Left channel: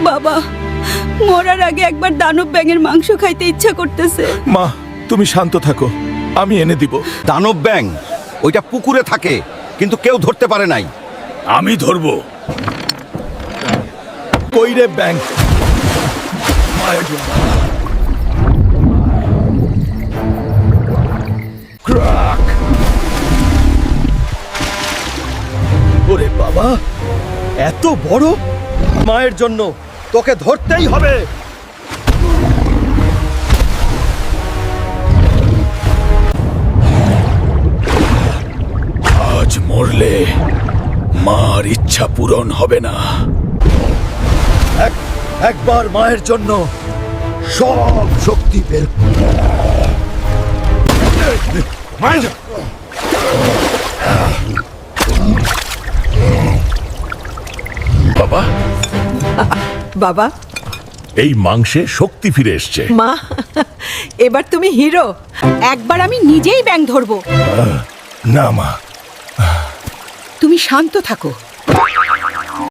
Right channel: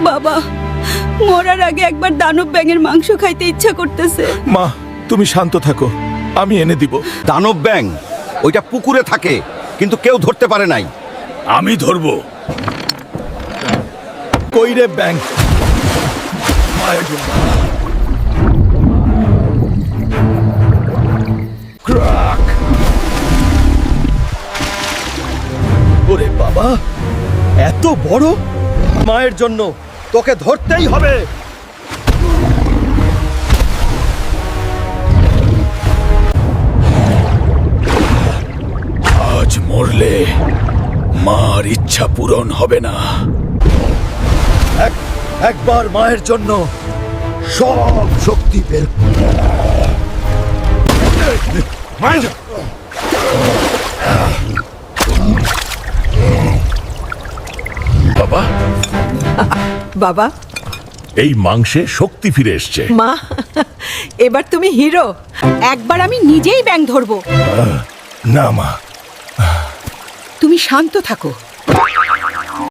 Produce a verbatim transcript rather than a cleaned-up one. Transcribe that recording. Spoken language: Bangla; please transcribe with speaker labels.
Speaker 1: বাবা, মরার আগে একবার দানব ব্যাঙের মাংস খাইতে ইচ্ছা করতেছে।
Speaker 2: মা, তুমি শান্ত থাকো, আমি এনে দিব।
Speaker 3: দানব ব্যাং ওইটা পুকুরে থাকে, কিন্তু কেউ ধরতে পারে নাই।
Speaker 2: আমি ধরবো। কই রে ব্যাং?
Speaker 3: ওরে বাবা, এত বড়! মায়ের জন্য তোকে ধরতেই হবে।
Speaker 2: আজ মরলে মার ইচ্ছা পূরণ হবে না।
Speaker 3: এক একবার মায়ের জন্য সব শক্তি বের।
Speaker 2: বাবা,
Speaker 1: বাবা,
Speaker 2: এই মাংসে শক্তি ফিরে এসছে।
Speaker 1: মা, এবার তুমি হিরো। একবার আমি নিজেই ব্যাঙ ধরবো।
Speaker 2: না মা,
Speaker 1: তুমি শান্ত থাকো।